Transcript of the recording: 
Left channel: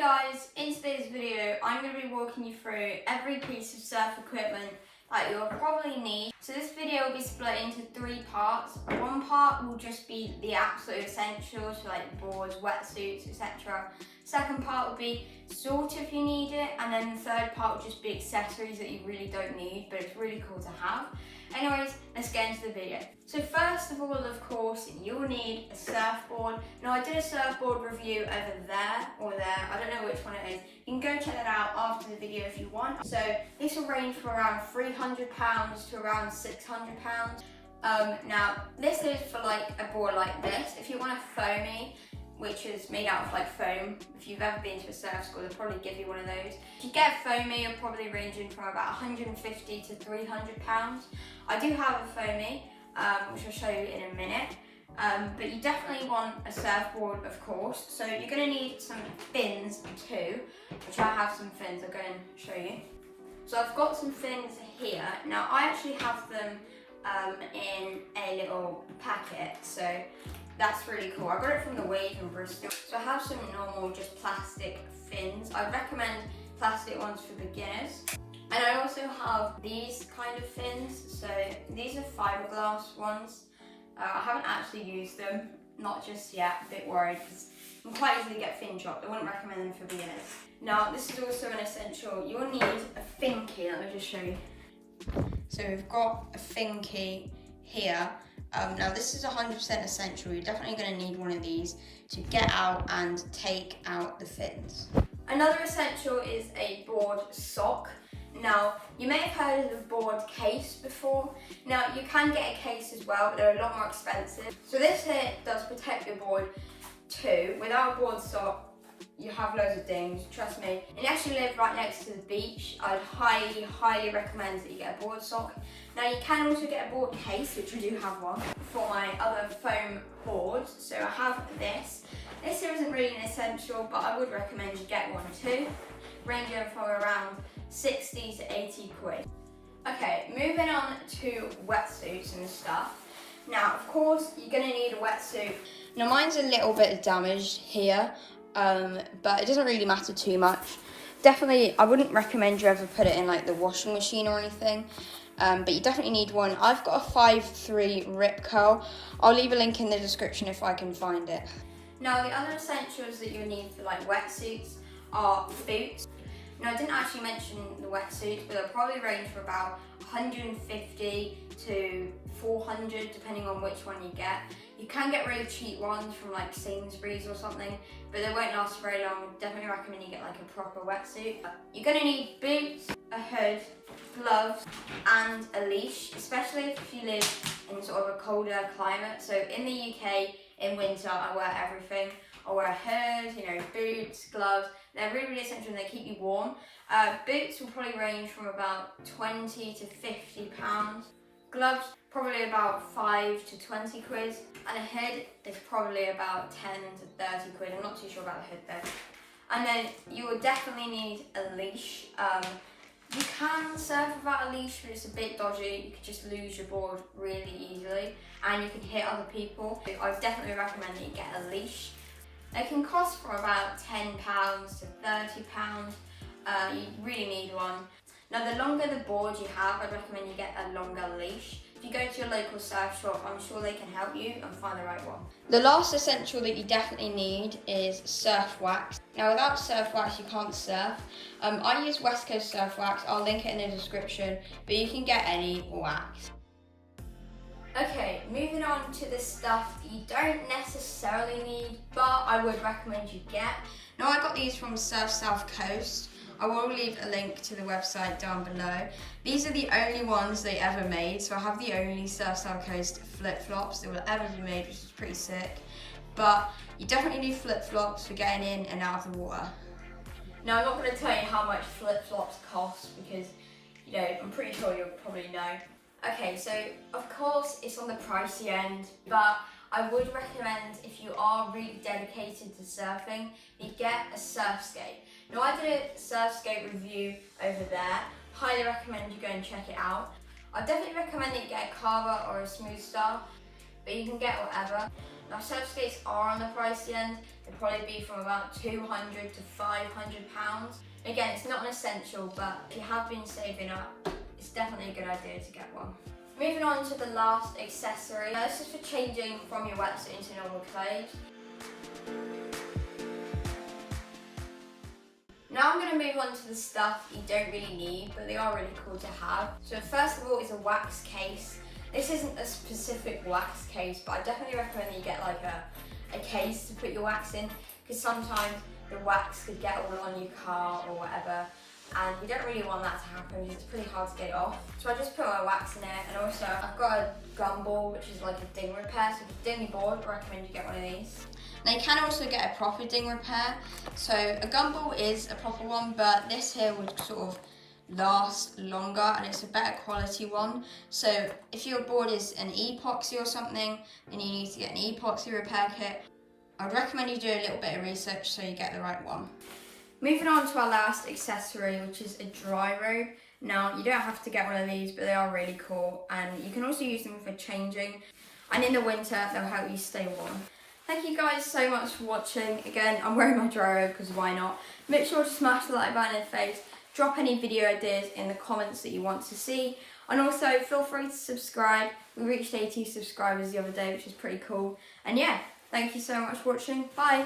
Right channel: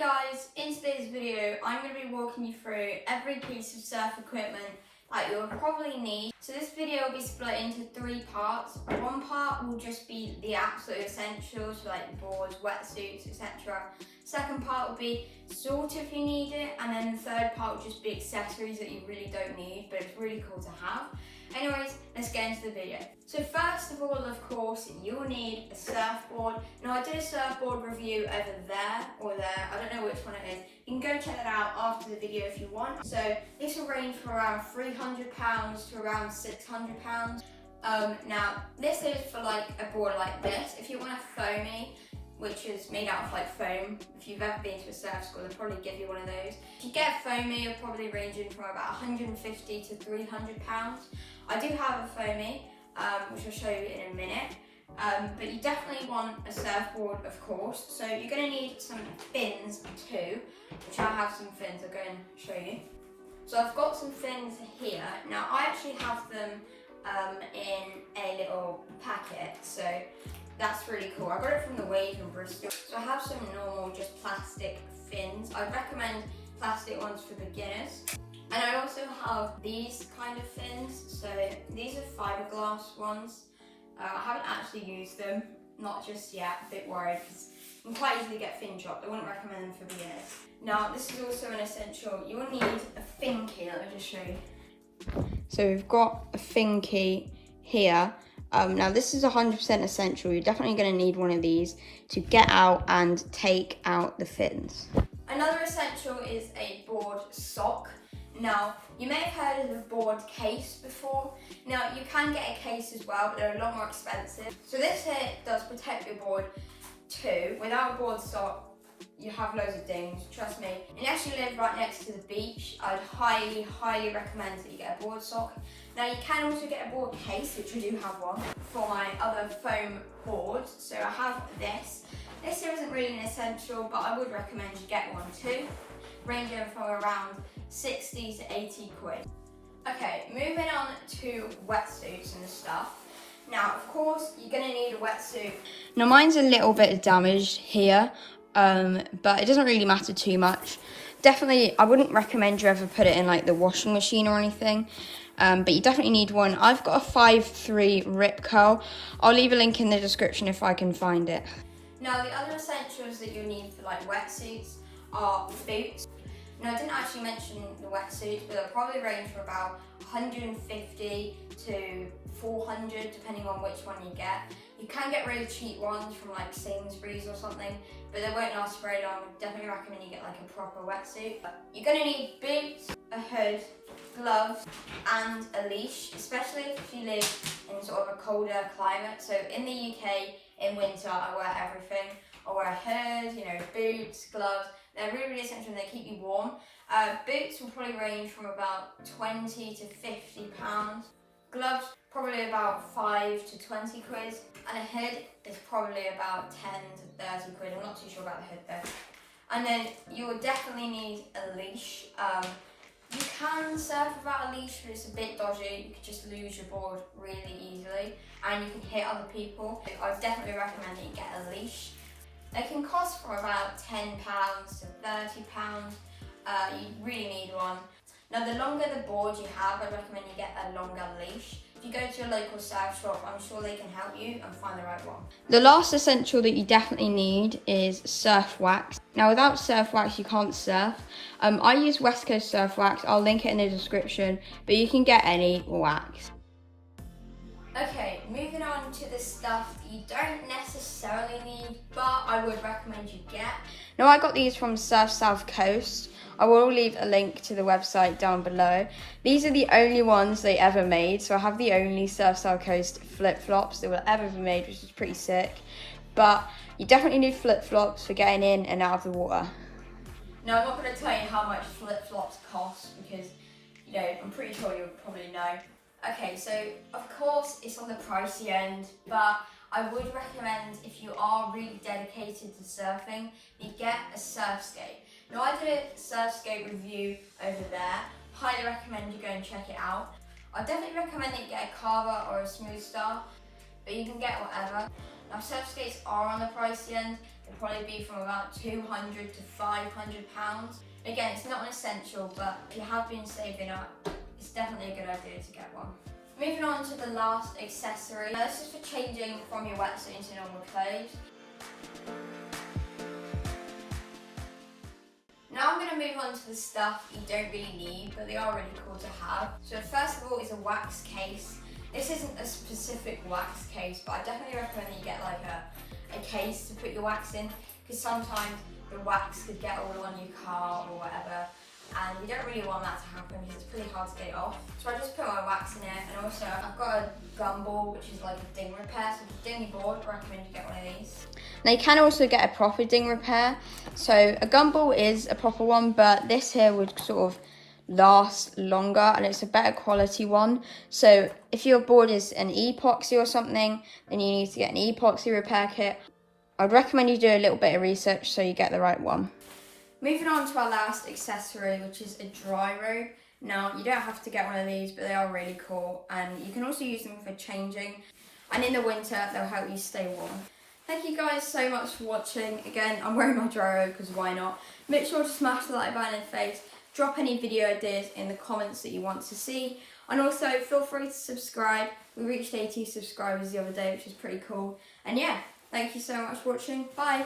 guys, in today's video I'm going to be walking you through every piece of surf equipment that you'll probably need. So this video will be split into 3 parts. One part will just be the absolute essentials like boards, wetsuits, etc. Second part will be sort of you need it, and then the third part will just be accessories that you really don't need but it's really cool to have. Anyways, let's get into the video. So first of all, of course, you'll need a surfboard. Now I did a surfboard review over there or there, I don't know which one it is. You can go check that out after the video if you want. So this will range from around £300 to around £600. Now this is for like a board like this. If you want a foamy, which is made out of like foam, if you've ever been to a surf school, they'll probably give you one of those. If you get foamy, you're probably ranging from about £150 to £300. I do have a foamy, which I'll show you in a minute. But you definitely want a surfboard, of course. So you're going to need some fins too, which I have some fins. I'll go and show you. So I've got some fins here. Now I actually have them in a little packet, so that's really cool. I got it from the Wave in Bristol. So I have some normal, just plastic fins. I'd recommend plastic ones for beginners. And I also have these kind of fins. So these are fiberglass ones. I haven't actually used them, not just yet, a bit worried because you can quite easily get fin chopped. I wouldn't recommend them for beginners. Now this is also an essential. You will need a fin key, let me just show you. So we've got a fin key here. Now this is 100% essential. You're definitely going to need one of these to get out and take out the fins. Another essential is a board sock. Now you may have heard of the board case before. Now you can get a case as well, but they're a lot more expensive. So this here does protect your board too. Without a board sock, you have loads of dings, trust me. And you actually live right next to the beach, I'd highly recommend that you get a board sock. Now you can also get a board case, which we do have one, for my other foam boards. So I have this. This here isn't really an essential, but I would recommend you get one too, ranging from around 60 to 80 quid. Okay, moving on to wetsuits and stuff. Now, of course, you're gonna need a wetsuit. Now mine's a little bit damaged here, but it doesn't really matter too much. Definitely, I wouldn't recommend you ever put it in like the washing machine or anything, but you definitely need one. I've got a 5'3" rip curl. I'll leave a link in the description if I can find it. Now, the other essentials that you'll need for like wetsuits are boots. Now, I didn't actually mention the wetsuits, but they'll probably range from about 150 to 400, depending on which one you get. You can get really cheap ones from like Sainsbury's or something, but they won't last very long. I would definitely recommend you get like a proper wetsuit. You're gonna need boots, a hood, gloves, and a leash, especially if you live in sort of a colder climate. So in the UK, in winter, I wear everything. I wear a hood, boots, gloves. They're really, really essential and they keep you warm. Boots will probably range from about 20 to 50 pounds. Gloves, probably about 5 to 20 quid. And a hood is probably about 10 to 30 quid. I'm not too sure about the hood though. And then you will definitely need a leash. You can surf without a leash, but it's a bit dodgy. You could just lose your board really easily and you can hit other people. I would definitely recommend that you get a leash. They can cost from about £10 to £30. You really need one. Now, the longer the board you have, I'd recommend you get a longer leash. If you go to your local surf shop, I'm sure they can help you and find the right one. The last essential that you definitely need is surf wax. Now, without surf wax, you can't surf. I use West Coast surf wax. I'll link it in the description, but you can get any wax. Okay, moving on to the stuff you don't necessarily need, but I would recommend you get. Now, I got these from Surf South Coast. I will leave a link to the website down below. These are the only ones they ever made, so I have the only Surf South Coast flip-flops that will ever be made, which is pretty sick. But you definitely need flip-flops for getting in and out of the water. Now, I'm not going to tell you how much flip-flops cost because, I'm pretty sure you'll probably know. Okay, so of course it's on the pricey end, but I would recommend if you are really dedicated to surfing, you get a surf skate. Now I did a surf skate review over there, highly recommend you go and check it out. I definitely recommend that you get a Carver or a Smooth Star, but you can get whatever. Now surf skates are on the pricey end. They'll probably be from about £200 to £500. Again, it's not an essential, but if you have been saving up, it's definitely a good idea to get one. Moving on to the last accessory. Now this is for changing from your wetsuit into normal clothes. Now I'm going to move on to the stuff you don't really need, but they are really cool to have. So first of all is a wax case. This isn't a specific wax case, but I definitely recommend you get like a case to put your wax in, because sometimes the wax could get all on your car or whatever, and you don't really want that to happen because it's pretty hard to get it off. So I just put my wax in it, and also I've got a gumball, which is like a ding repair, so if you ding your board, I recommend you get one of these. Now you can also get a proper ding repair. So a gumball is a proper one, but this here would sort of last longer and it's a better quality one. So if your board is an epoxy or something, then you need to get an epoxy repair kit. I'd recommend you do a little bit of research so you get the right one. Moving on to our last accessory, which is a dry robe. Now you don't have to get one of these, but they are really cool, and you can also use them for changing, and in the winter they'll help you stay warm. Thank you guys so much for watching. Again, I'm wearing my dry robe because why not? Make sure to smash the like button in the face. Drop any video ideas in the comments that you want to see. And also feel free to subscribe. We reached 80 subscribers the other day, which is pretty cool. And yeah, thank you so much for watching. Bye.